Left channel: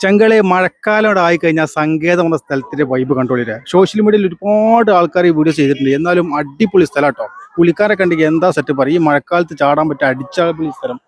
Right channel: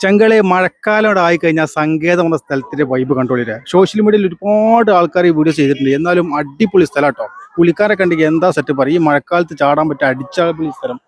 ചെങ്കളെ മഴക്കാലം ആയിക്കഴിഞ്ഞാൽ സങ്കേതം എന്ന സ്ഥലത്തിന്റെ വൈബ് കണ്ടോളില്ലേ. സോഷ്യൽ മീഡിയയിൽ ഒരുപാട് ആൾക്കാർ ഈ വീഡിയോ ചെയ്തിട്ടുണ്ട്. എന്നാലും അടിപൊളി സ്ഥലം കേട്ടോ. പുലിക്കാരെ കണ്ടെങ്കിൽ എന്താ സെറ്റ് പറയും. ഈ മഴക്കാലത്ത് ചാടാൻ പറ്റിയ അടിച്ചാപൊളി സ്ഥലം.